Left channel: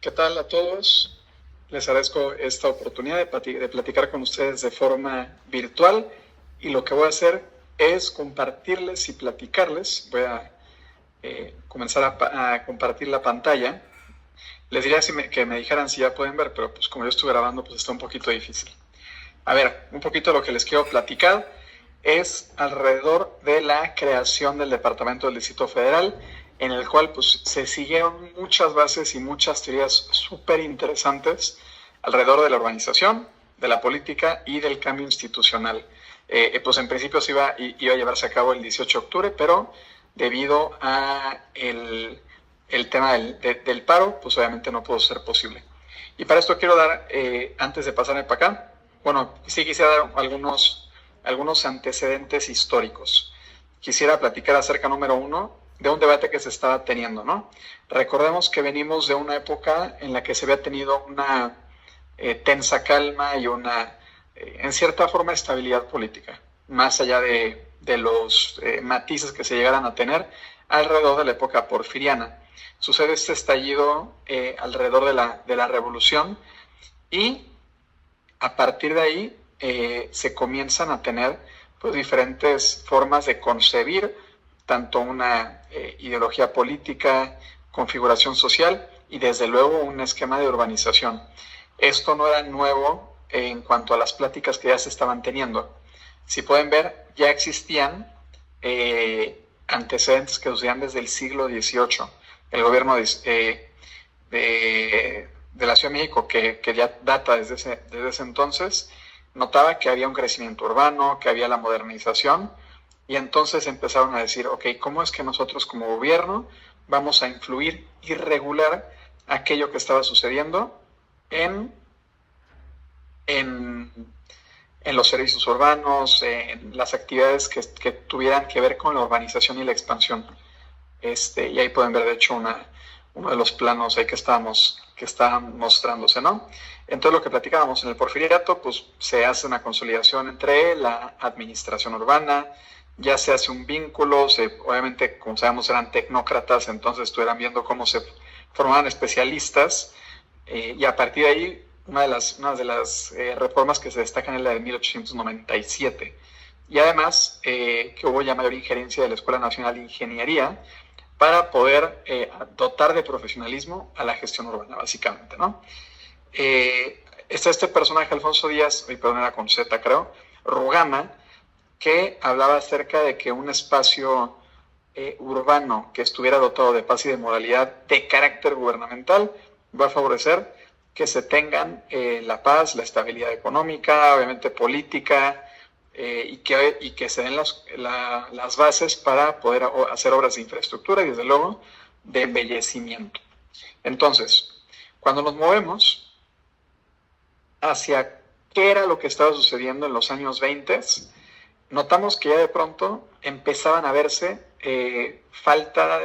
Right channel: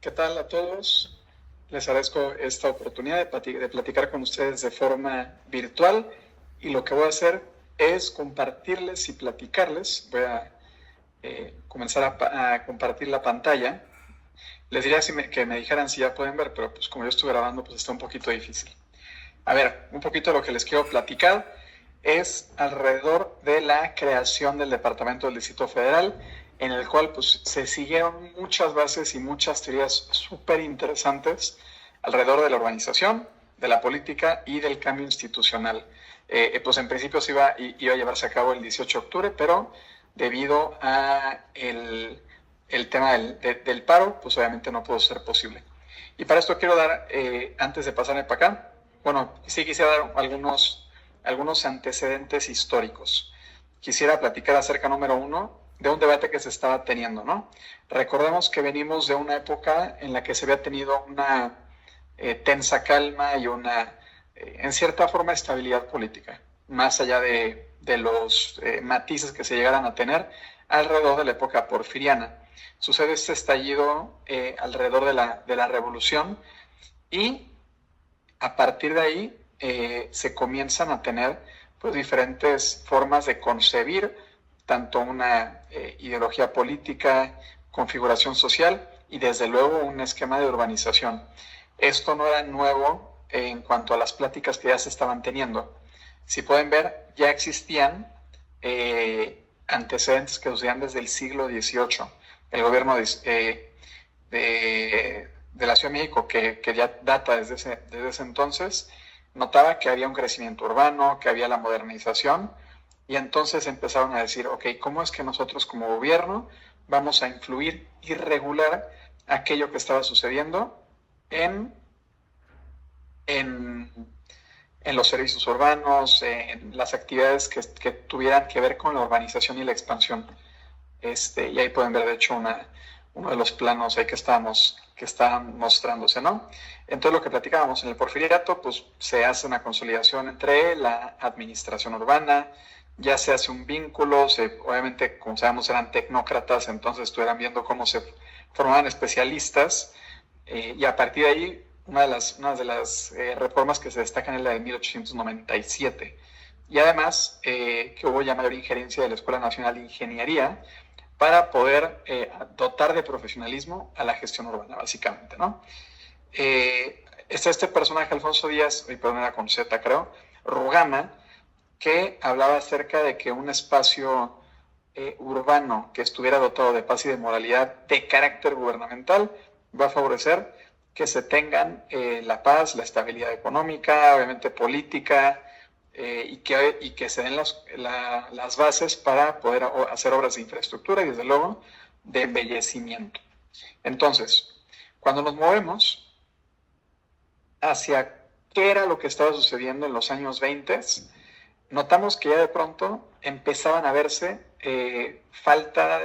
¿Qué tal a todos? Les agradezco esta oportunidad de platicar con ustedes de forma virtual y lo que voy a hacer es compartirles y platicarles. Voy a comenzar a compartir la pantalla. Les diría que me dijeran si ya pueden ver, pero pues como yo estuve grabando, pues está un poquito difícil. A ver, un poquito lo que les quiero platicar es alrededor de la creación del Departamento del Distrito Federal, en el cual pues se siguieron muchas bases y muchas teorías súper interesantes alrededor de la organización, de la política y del cambio institucional. Pues en principio iba a llevarse a cabo el 18 de octubre, pero debido a el tema del paro, pues obviamente no pudo ser posible. Y para esto quiero dar, antes de pasarme para acá, bueno, sí quisiera dar algunos antecedentes históricos. Quisiera platicar acerca, número uno, de un debate que se estaba teniendo, ¿no? Recordemos que venimos de una época en la que se había tenido una tensa calma y en cierta forma, estabilidad política, más allá de los matices que se llegaran a tener alrededor de la época porfiriana. Sucede este estallido alrededor de la revolución y a partir de ahí se comienzan a tener pues, diferentes formas de concebir tanto una ideología política, configuración social y desde luego un esquema de urbanización. Esto no era nuevo en cuanto a las pláticas que ya se estaban teniendo. Si pueden ver, ya existían antecedentes que sucedían desde el siglo XVIII. El gobierno de la Ciudad de México, que ya data desde ese entonces, notaba que había un crecimiento urbano, que había la modernización, y entonces empezaron a decir, ok, ¿cómo es que nosotros como gobierno vamos a influir y regular aquello que estaba sucediendo en, en, en los servicios urbanos, en las actividades que tuvieran que ver con la urbanización y la expansión? Y ahí pueden ver, de hecho, uno de los planos ahí que estaban mostrándose, ¿no? Entonces, lo que platicábamos en el Porfiriato, pues se hace una consolidación entre la administración urbana, ya se hace un vínculo, obviamente, como sabemos, eran tecnócratas, entonces estuvieran viendo cómo se formaban especialistas, y a partir de ahí, una de las reformas que se destacan es la de 1897. Y además, que hubo ya mayor injerencia de la Escuela Nacional de Ingeniería, para poder dotar de profesionalismo a la gestión urbana, básicamente, ¿no? Está este personaje, Alfonso Díaz, perdón, era con Z, creo, Rugama, que hablaba acerca de que un espacio urbano que estuviera dotado de paz y de moralidad de carácter gubernamental va a favorecer que se tengan la paz, la estabilidad económica, obviamente política, y que se den las bases para poder hacer obras de infraestructura y desde luego de embellecimiento. Entonces, cuando nos movemos hacia qué era lo que estaba sucediendo en los años 20, notamos que ya de pronto empezaban a verse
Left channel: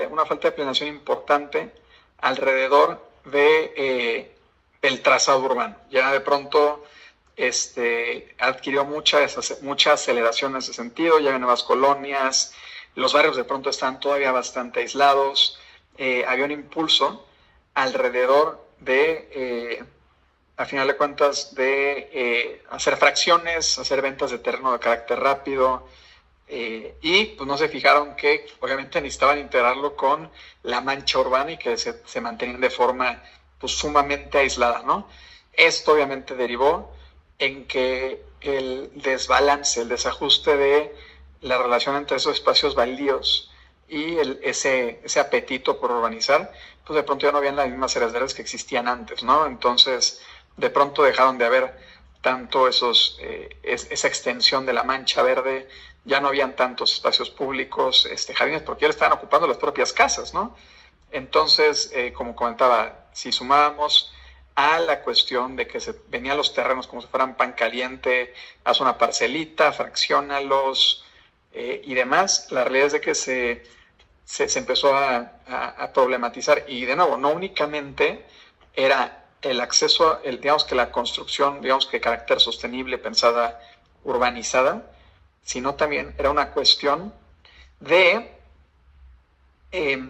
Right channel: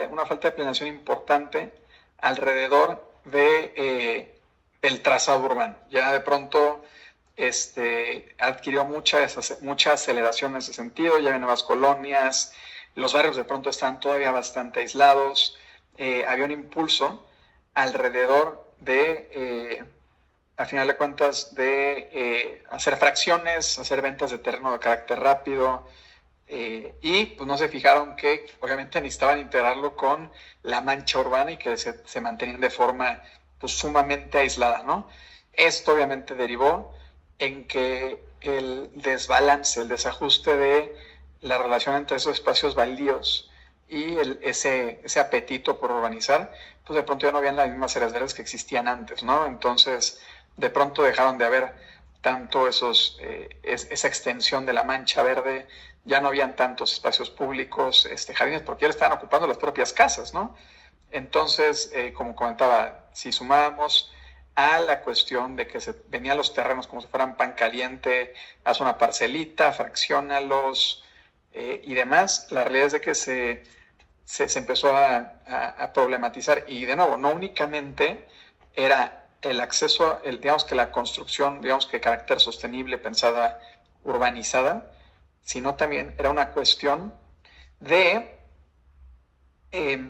una falta de planeación importante alrededor del trazado urbano. Ya de pronto adquirió mucha aceleración en ese sentido, ya hay nuevas colonias, los barrios de pronto están todavía bastante aislados, había un impulso alrededor a final de cuentas, de hacer fracciones, hacer ventas de terreno de carácter rápido, y pues no se fijaron que obviamente necesitaban integrarlo con la mancha urbana y que se mantenían de forma pues sumamente aislada, ¿no? Esto obviamente derivó en que el desbalance, el desajuste de la relación entre esos espacios baldíos y ese apetito por urbanizar, pues de pronto ya no habían las mismas heredades que existían antes, ¿no? Entonces, de pronto dejaron de haber tanto esa extensión de la mancha verde, ya no habían tantos espacios públicos, jardines, porque ya le estaban ocupando las propias casas, ¿no? Entonces, como comentaba, si sumábamos a la cuestión de que se venían los terrenos como si fueran pan caliente, haz una parcelita, fraccionalos y demás, la realidad es de que se empezó a problematizar y de nuevo, no únicamente era el acceso, digamos que la construcción, digamos que de carácter sostenible, pensada, urbanizada, sino también era una cuestión de, eh,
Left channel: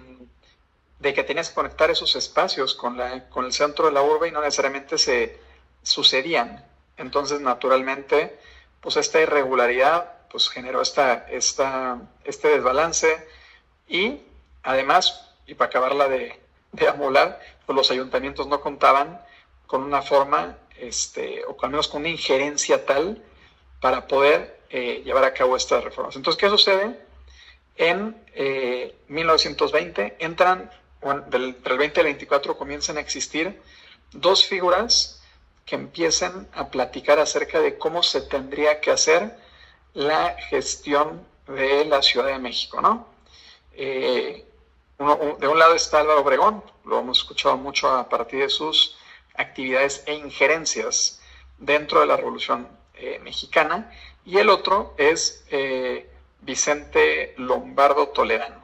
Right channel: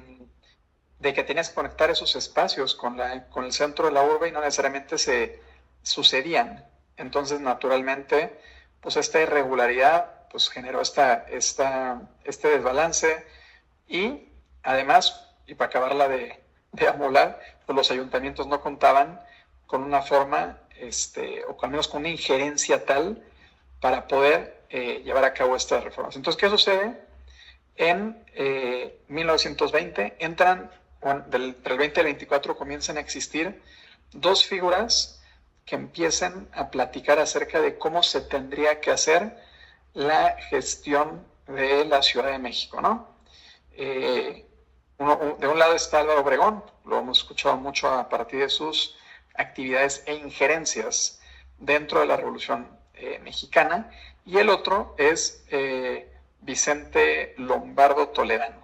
de que tenías que conectar esos espacios con el centro de la urbe y no necesariamente se sucedían. Entonces, naturalmente, pues esta irregularidad pues generó este desbalance y además, y para acabarla de amolar, pues los ayuntamientos no contaban con una forma, o al menos con una injerencia tal para poder llevar a cabo estas reformas. Entonces, ¿qué sucede? En 1920 entran, bueno, entre el 20 y el 24 comienzan a existir dos figuras que empiezan a platicar acerca de cómo se tendría que hacer la gestión de la Ciudad de México, ¿no? De un lado está Álvaro Obregón, lo hemos escuchado mucho a partir de sus actividades e injerencias dentro de la Revolución Mexicana, y el otro es Vicente Lombardo Toledano.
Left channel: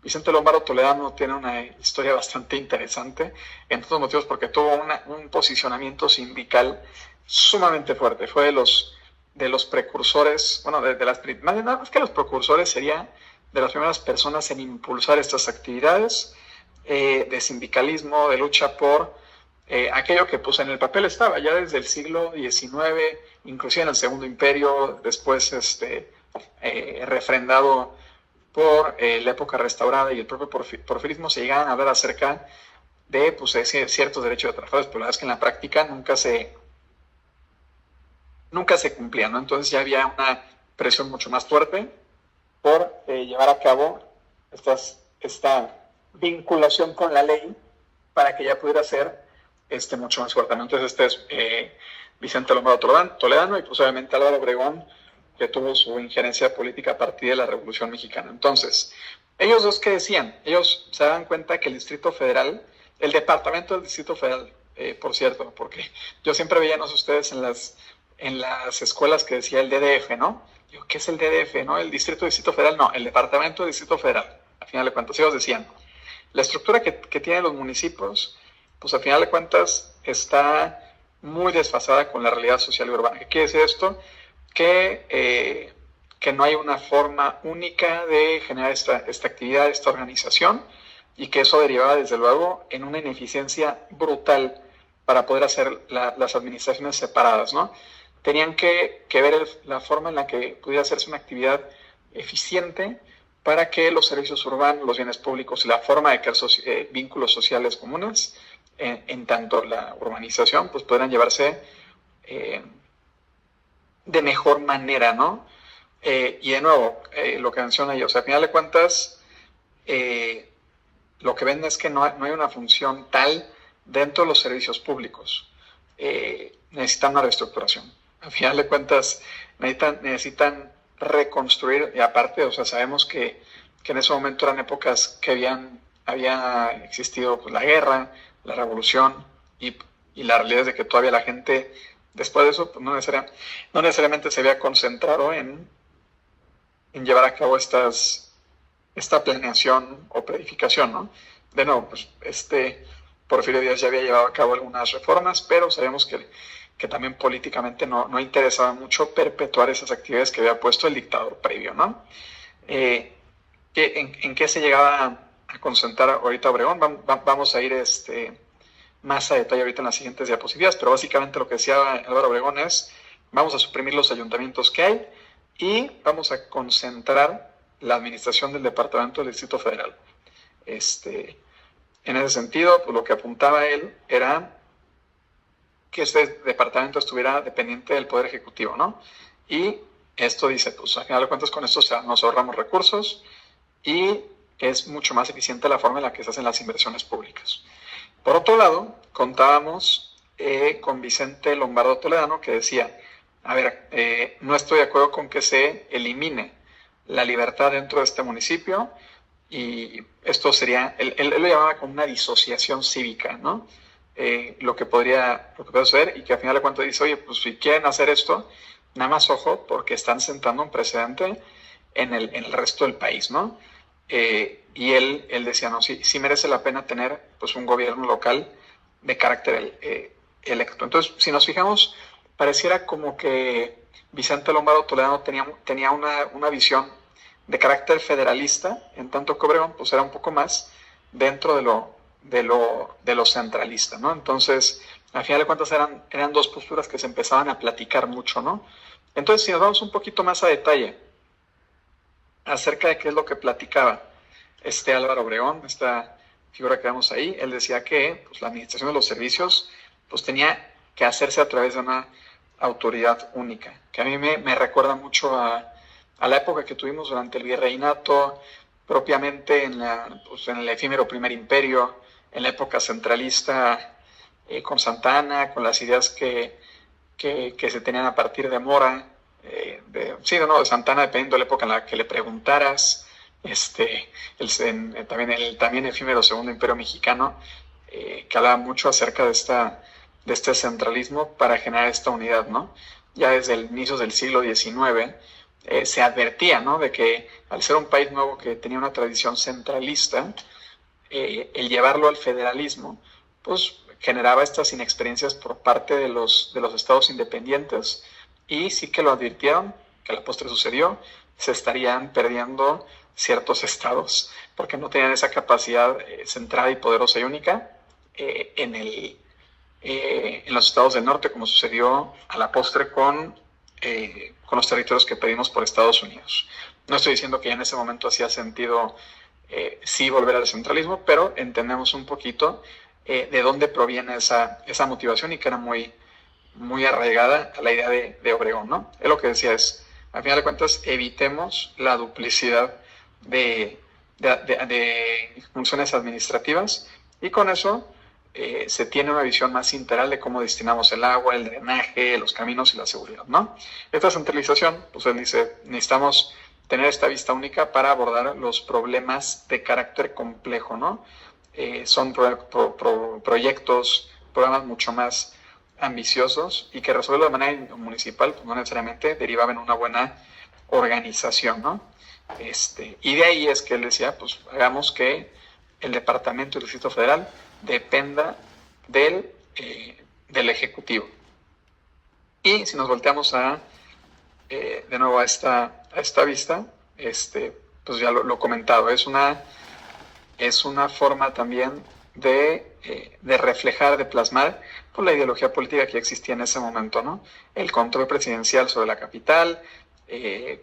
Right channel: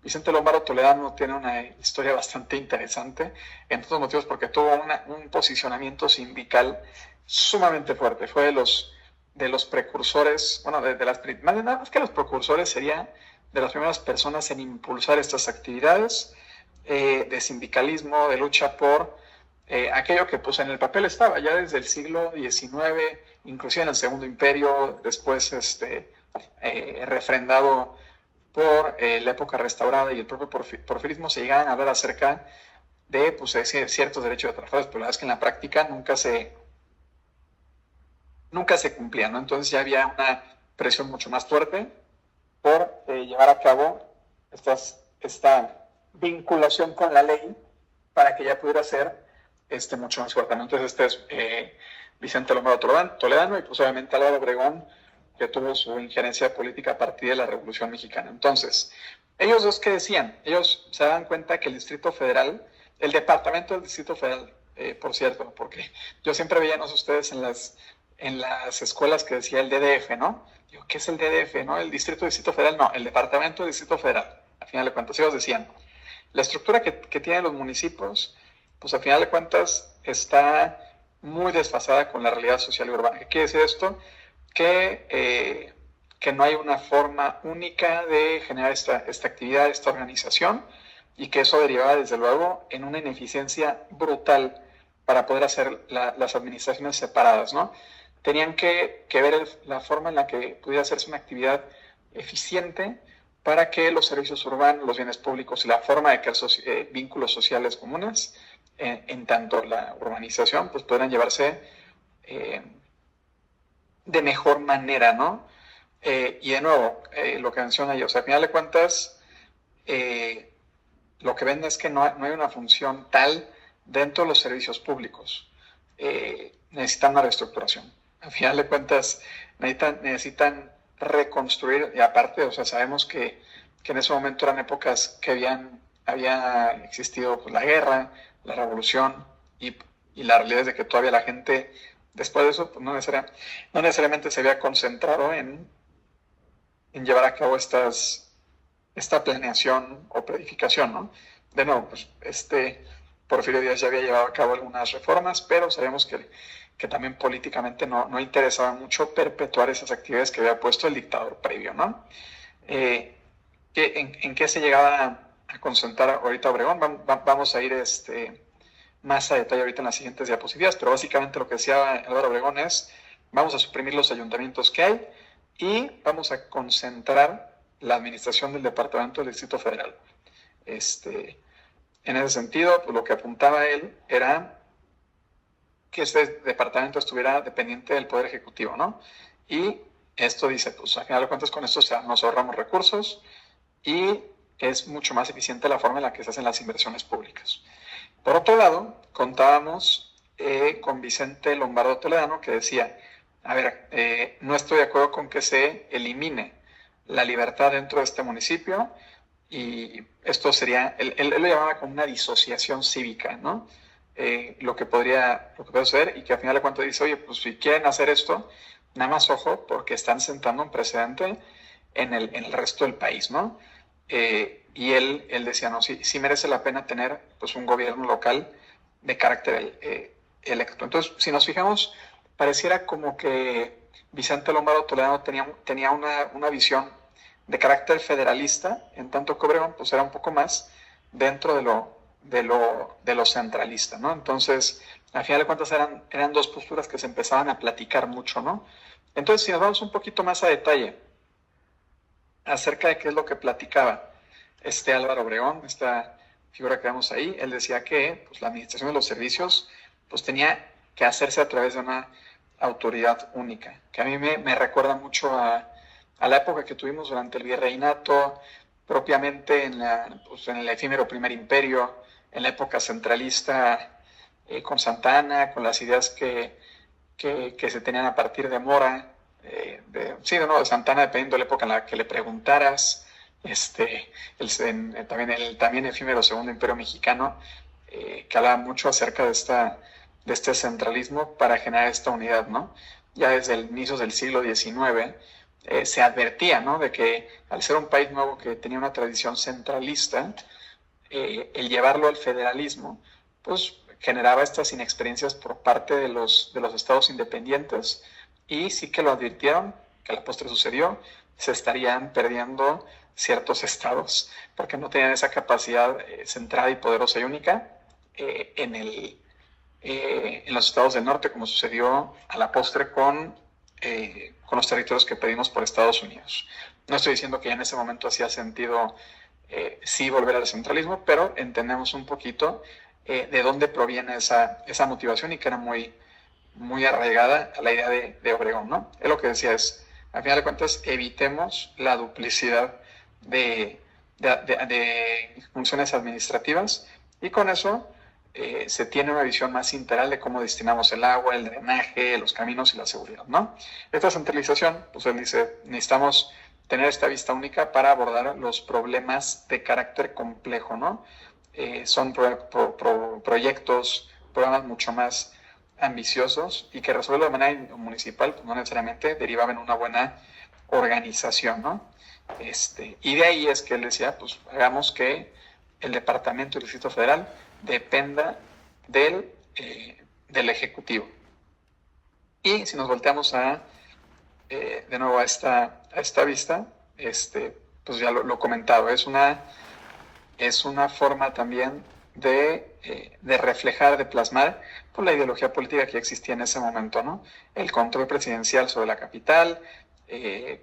Vicente Lombardo Toledano tiene una historia bastante interesante, entre otros motivos porque tuvo un posicionamiento sindical sumamente fuerte. Fue de los precursores, bueno, más que los precursores, sería de las primeras personas en impulsar estas actividades de sindicalismo, de lucha por aquello que pues en el papel estaba ya desde el siglo XIX, inclusive en el Segundo Imperio, después refrendado por la época restaurada y el propio porfirismo, se llegaban a hablar acerca de pues, ciertos derechos de trabajadores, pero la verdad es que en la práctica nunca se cumplían, ¿no? Entonces ya había una presión mucho más fuerte por llevar a cabo esta vinculación con la ley para que ya pudiera ser mucho más fuerte, ¿no? Entonces es Vicente Lombardo Toledano y pues obviamente Álvaro Obregón, que tuvo su injerencia política a partir de la Revolución Mexicana. Entonces, ellos dos, ¿qué decían? Ellos se dan cuenta que el Distrito Federal, el departamento del Distrito Federal, por cierto, porque yo siempre veía, no sé ustedes, en las escuelas que decía el DDF, ¿no? Digo, ¿qué es el DDF, no? El Distrito Federal, no, el Departamento del Distrito Federal. Al final de cuentas, ellos decían, la estructura que tienen los municipios, pues al final de cuentas está muy desfasada con la realidad social y urbana. ¿Qué quiere decir esto? Que no hay una forma única de generar esta actividad, esta organización, y que eso derivaba desde luego en una ineficiencia brutal para poder hacer las administraciones separadas, ¿no? Tenían que ver la forma en la que pudiera hacerse una actividad eficiente para que los servicios urbanos, los bienes públicos, la forma de crear vínculos sociales comunes, en tanto la urbanización, pues puedan llevarse de mejor manera, ¿no? Y de nuevo, lo que menciona yo, o sea, a final de cuentas, lo que ven es que no hay una función tal dentro de los servicios públicos. Necesitan una reestructuración. A final de cuentas, necesitan reconstruir, y aparte, o sea, sabemos que en ese momento eran épocas que había existido pues, la guerra, la revolución, y la realidad es de que todavía la gente, después de eso, pues, no necesariamente se había concentrado en llevar a cabo esta planeación o planificación, ¿no? De nuevo, pues Porfirio Díaz ya había llevado a cabo algunas reformas, pero sabemos que también políticamente no interesaba mucho perpetuar esas actividades que había puesto el dictador previo, ¿no? ¿En qué se llegaba a concentrar ahorita Obregón? Vamos a ir más a detalle ahorita en las siguientes diapositivas, pero básicamente lo que decía Álvaro Obregón es, vamos a suprimir los ayuntamientos que hay y vamos a concentrar la administración del Departamento del Distrito Federal. En ese sentido, pues lo que apuntaba él era que este departamento estuviera dependiente del Poder Ejecutivo, ¿no? Y esto dice, pues al final de cuentas con esto nos ahorramos recursos y es mucho más eficiente la forma en la que se hacen las inversiones públicas. Por otro lado, contábamos con Vicente Lombardo Toledano, que decía, a ver, no estoy de acuerdo con que se elimine la libertad dentro de este municipio, y esto sería, él lo llamaba como una disociación cívica, ¿no? Lo que podría suceder, y que al final de cuentas dice, oye, pues si quieren hacer esto, nada más ojo, porque están sentando un precedente en el resto del país, ¿no? Y él decía, no, sí merece la pena tener pues un gobierno local de carácter electo. Entonces, si nos fijamos, pareciera como que Vicente Lombardo Toledano tenía una visión de carácter federalista, en tanto que Obregón pues era un poco más dentro de lo centralista, ¿no? Entonces, al final de cuentas eran dos posturas que se empezaban a platicar mucho, ¿no? Entonces, si nos vamos un poquito más a detalle acerca de qué es lo que platicaba Álvaro Obregón, esta figura que vemos ahí, él decía que pues, la administración de los servicios pues, tenía que hacerse a través de una autoridad única, que a mí me recuerda mucho a la época que tuvimos durante el virreinato, propiamente en el efímero primer imperio, en la época centralista con Santa Anna, con las ideas que se tenían a partir de Mora, de Santa Anna, dependiendo de la época en la que le preguntaras, también el también efímero segundo imperio mexicano, que hablaba mucho acerca de este centralismo para generar esta unidad, ¿no? Ya desde el inicio del siglo XIX se advertía, ¿no? De que al ser un país nuevo que tenía una tradición centralista, el llevarlo al federalismo, pues generaba estas inexperiencias por parte de los estados independientes, y sí que lo advirtieron, que a la postre sucedió, se estarían perdiendo ciertos estados, porque no tenían esa capacidad centrada y poderosa y única en los estados del norte, como sucedió a la postre con los territorios que pedimos por Estados Unidos. No estoy diciendo que ya en ese momento hacía sentido sí volver al centralismo, pero entendemos un poquito de dónde proviene esa motivación, y que era muy, muy arraigada a la idea de Obregón, ¿no? Él lo que decía es, al final de cuentas, evitemos la duplicidad de funciones administrativas, y con eso se tiene una visión más integral de cómo destinamos el agua, el drenaje, los caminos y la seguridad, ¿no? Esta centralización, pues él dice, necesitamos tener esta vista única para abordar los problemas de carácter complejo, ¿no? Son proyectos, programas mucho más ambiciosos, y que resolverlo de manera municipal, pues no necesariamente derivaba en una buena organización, ¿no? Y de ahí es que él decía, pues hagamos que el departamento del Distrito Federal dependa del Ejecutivo. Y si nos volteamos de nuevo a esta vista, pues ya lo comentado, es una forma también de reflejar, de plasmar pues, la ideología política que existía en ese momento, ¿no? El control presidencial sobre la capital,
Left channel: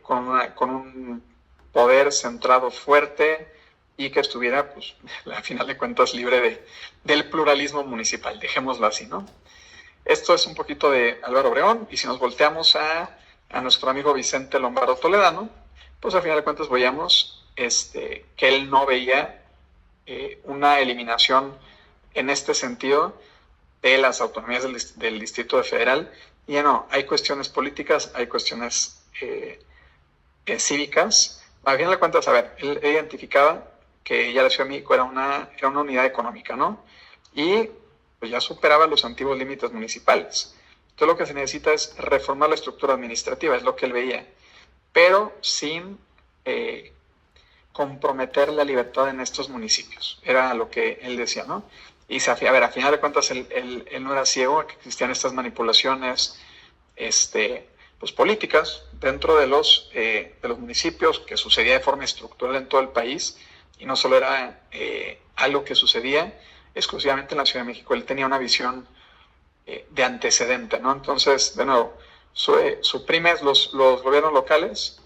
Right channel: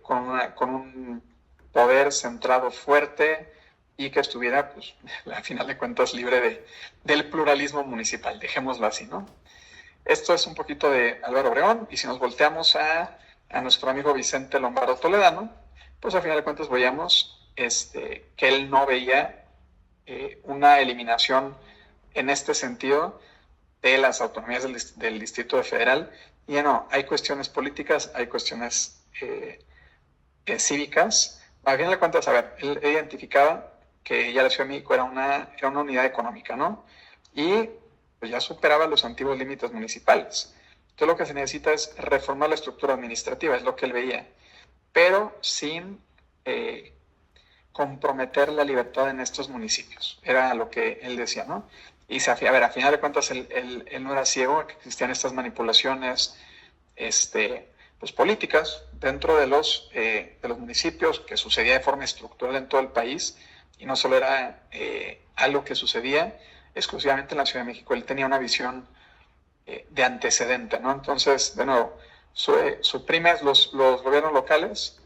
con un poder centrado fuerte, y que estuviera, pues, al final de cuentas, libre del pluralismo municipal, dejémoslo así, ¿no? Esto es un poquito de Álvaro Obregón, y si nos volteamos a nuestro amigo Vicente Lombardo Toledano, pues al final de cuentas veíamos que él no veía una eliminación en este sentido de las autonomías del Distrito Federal. Y ya no, hay cuestiones políticas, hay cuestiones cívicas. Al final de cuentas, a ver, él identificaba que ya la Ciudad de México era una unidad económica, ¿no? Y pues ya superaba los antiguos límites municipales. Entonces lo que se necesita es reformar la estructura administrativa, es lo que él veía, pero sin comprometer la libertad en estos municipios. Era lo que él decía, ¿no? Y a ver, a final de cuentas, él no era ciego, que existían estas manipulaciones pues, políticas dentro de los municipios, que sucedía de forma estructural en todo el país, y no solo era algo que sucedía exclusivamente en la Ciudad de México. Él tenía una visión de antecedente, ¿no? Entonces, de nuevo, suprimes los gobiernos locales,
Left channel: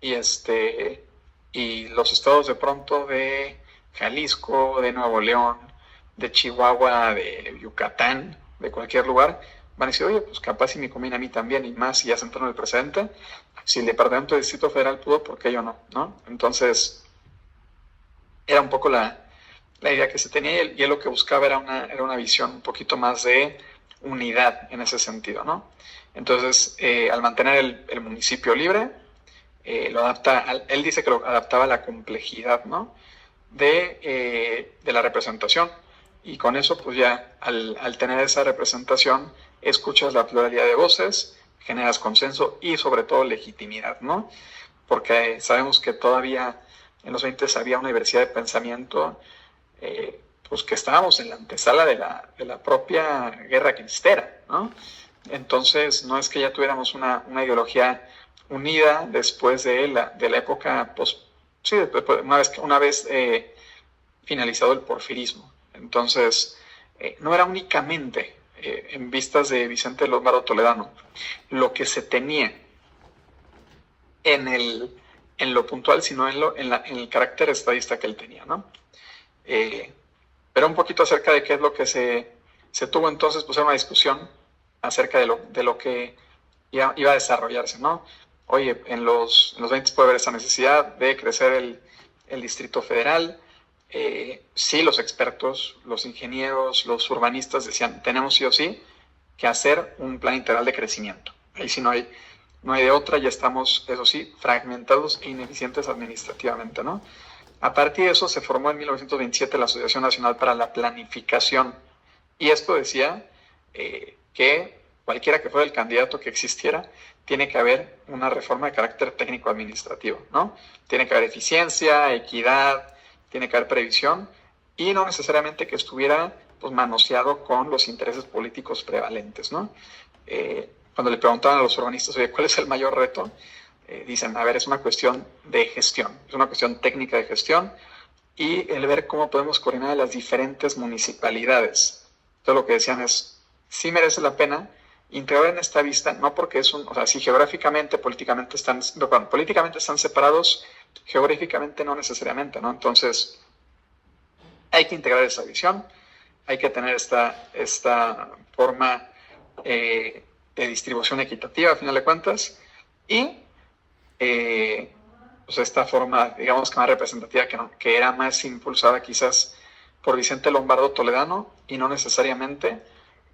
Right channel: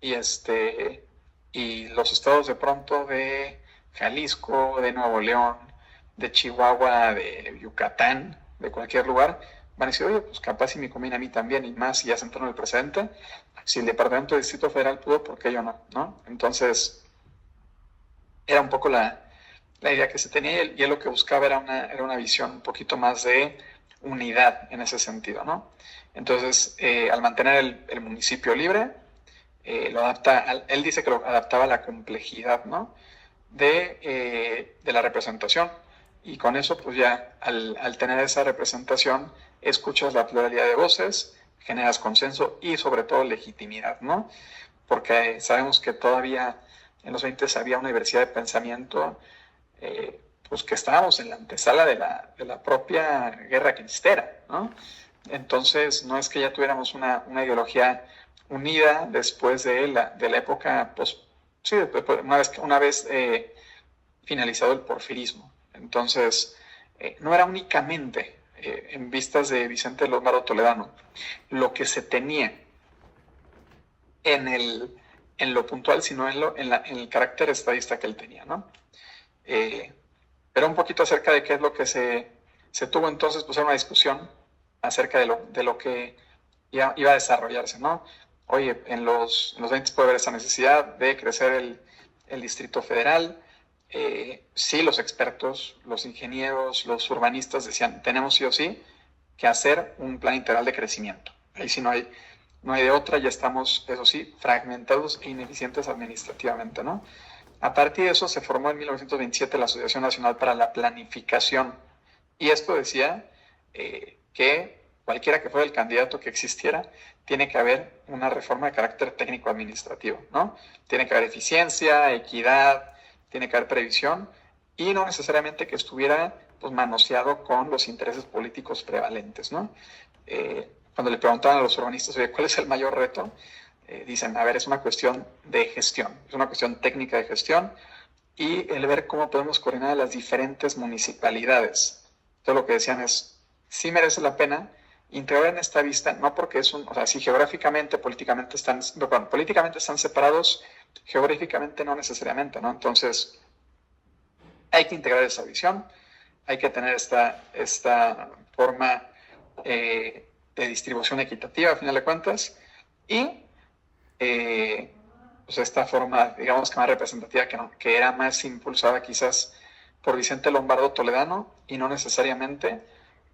y los estados de pronto de Jalisco, de Nuevo León, de Chihuahua, de Yucatán, de cualquier lugar, van a decir, oye, pues capaz si me conviene a mí también, y más si ya se entró en el precedente. Si el Departamento del Distrito Federal pudo, ¿por qué yo no? Entonces, era un poco la idea que se tenía, y él lo que buscaba era una visión un poquito más de unidad en ese sentido, ¿no? Entonces, al mantener el municipio libre, lo adapta, él dice que lo adaptaba a la complejidad, ¿no? de la representación, y con eso pues ya al tener esa representación escuchas la pluralidad de voces, generas consenso y sobre todo legitimidad, ¿no? Porque sabemos que todavía en los 20 había una diversidad de pensamiento, pues que estábamos en la antesala de la propia guerra cristera, ¿no? Entonces no es que ya tuviéramos una ideología unida después de la época, pues sí, una vez finalizado el porfirismo. Entonces, no era únicamente en vistas de Vicente Lombardo Toledano lo que se tenía en lo puntual, sino en el carácter estadista que él tenía, ¿no? Pero un poquito acerca de qué es lo que se tuvo entonces, pues era una discusión acerca de lo que iba a desarrollarse, ¿no? Oye, en los 20 puede haber esa necesidad de crecer el Distrito Federal. Sí, los expertos, los ingenieros, los urbanistas decían, tenemos sí o sí que hacer un plan integral de crecimiento. Ahí sí no hay de otra, ya estamos, eso sí, fragmentados e ineficientes administrativamente, ¿no? A partir de eso se formó en 1927 la Asociación Nacional para la Planificación, y esto decía que cualquiera que fuera el candidato que existiera, tiene que haber una reforma de carácter técnico-administrativo, ¿no? Tiene que haber eficiencia, equidad, tiene que haber previsión, y no necesariamente que estuviera pues, manoseado con los intereses políticos prevalentes, ¿no? Cuando le preguntaban a los urbanistas, oye, ¿cuál es el mayor reto? Dicen, a ver, es una cuestión de gestión, es una cuestión técnica de gestión, y el ver cómo podemos coordinar las diferentes municipalidades. Entonces lo que decían es, sí merece la pena integrar en esta vista, no porque es o sea, si geográficamente, políticamente están separados, geográficamente no necesariamente, ¿no? Entonces, hay que integrar esa visión, hay que tener esta forma de distribución equitativa, a final de cuentas, y pues esta forma, digamos que más representativa, que era más impulsada quizás por Vicente Lombardo Toledano y no necesariamente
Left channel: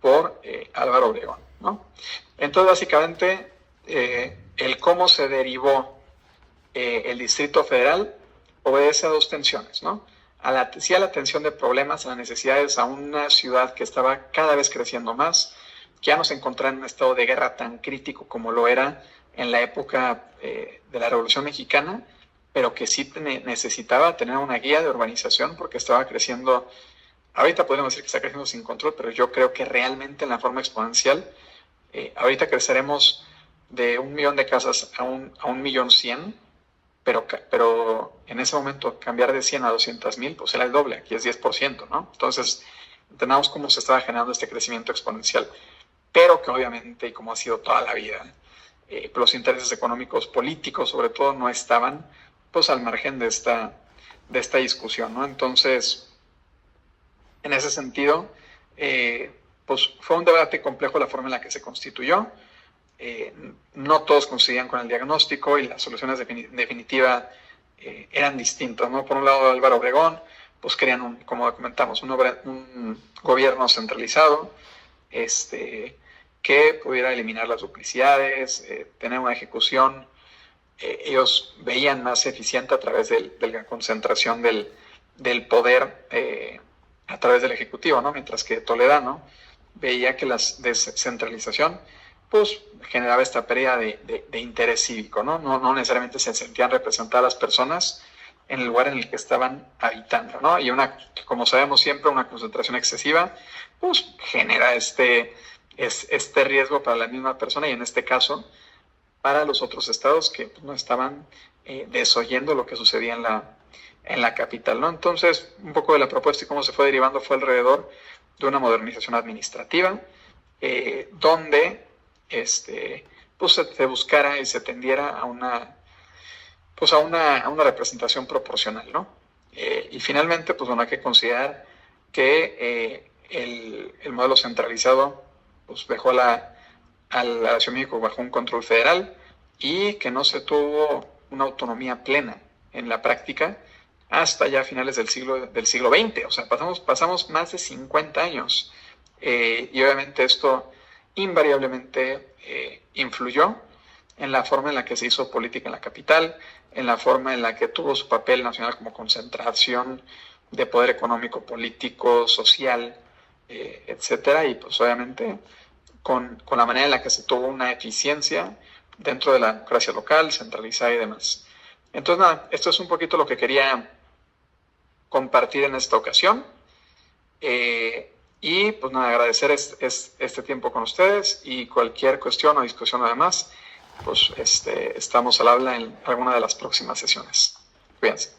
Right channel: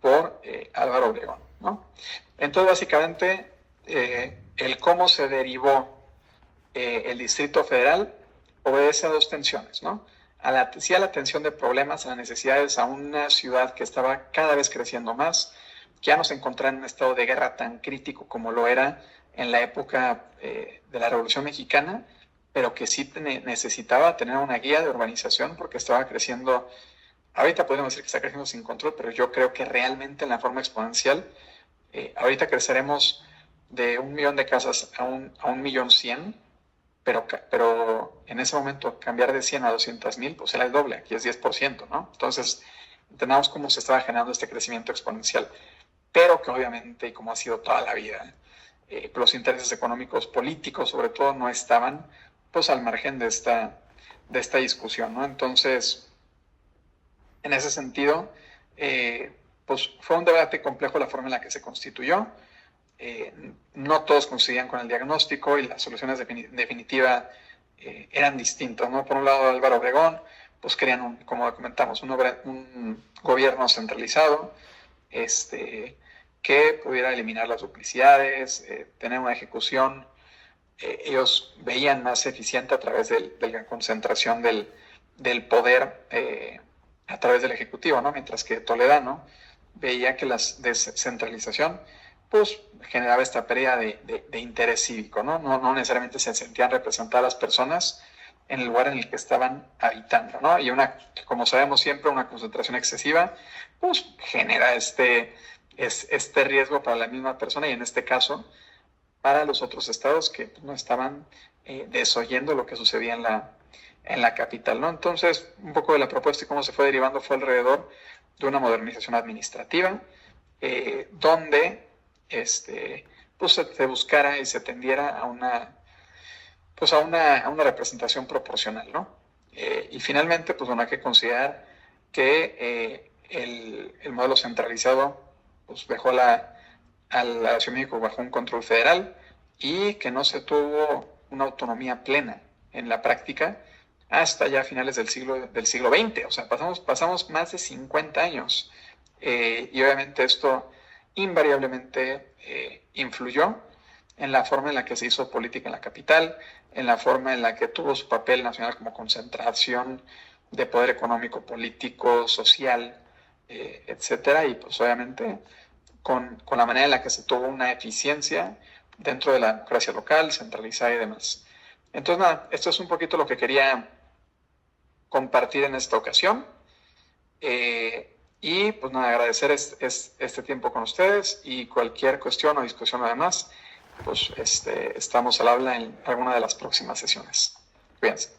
por Álvaro Obregón, ¿no? Entonces, básicamente, el cómo se derivó el Distrito Federal obedece a dos tensiones, ¿no? A la tensión de problemas, a las necesidades, a una ciudad que estaba cada vez creciendo más, que ya no se encontraba en un estado de guerra tan crítico como lo era en la época de la Revolución Mexicana, pero que sí necesitaba tener una guía de urbanización porque estaba creciendo. Ahorita podemos decir que está creciendo sin control, pero yo creo que realmente en la forma exponencial, ahorita creceremos de 1 millón de casas a 1.100.000, pero en ese momento cambiar de 100 a 200.000, pues era el doble, aquí es 10%, ¿no? Entonces, entendamos cómo se estaba generando este crecimiento exponencial, pero que obviamente, y como ha sido toda la vida, los intereses económicos, políticos sobre todo, no estaban pues al margen de esta discusión, ¿no? Entonces, en ese sentido, pues fue un debate complejo la forma en la que se constituyó. No todos coincidían con el diagnóstico y las soluciones definitivas eran distintas, ¿no? Por un lado, Álvaro Obregón, pues querían, como comentamos, un gobierno centralizado, que pudiera eliminar las duplicidades, tener una ejecución. Ellos veían más eficiente a través de la concentración del poder a través del Ejecutivo, ¿no? Mientras que Toledano veía que la descentralización pues generaba esta pérdida de interés cívico, ¿no? No necesariamente se sentían representadas las personas en el lugar en el que estaban habitando, ¿no? Y como sabemos siempre, una concentración excesiva pues genera este riesgo para la misma persona y en este caso para los otros estados que no estaban desoyendo lo que sucedía en la capital, ¿no? Entonces, un poco de la propuesta y cómo se fue derivando fue alrededor de una modernización administrativa, donde pues se buscara y se tendiera a una representación proporcional, ¿no? Y finalmente, pues bueno, hay que considerar que el modelo centralizado pues dejó a la Ciudad de México bajo un control federal y que no se tuvo una autonomía plena en la práctica hasta ya finales del siglo XX. O sea, pasamos más de 50 años y obviamente esto invariablemente influyó en la forma en la que se hizo política en la capital, en la forma en la que tuvo su papel nacional como concentración de poder económico, político, social, etcétera, y pues obviamente con la manera en la que se tuvo una eficiencia dentro de la democracia local, centralizada y demás. Entonces, nada, esto es un poquito lo que quería compartir en esta ocasión. Y pues nada, agradecer este tiempo con ustedes y cualquier cuestión o discusión además, pues estamos al habla en alguna de las próximas sesiones. Cuídense.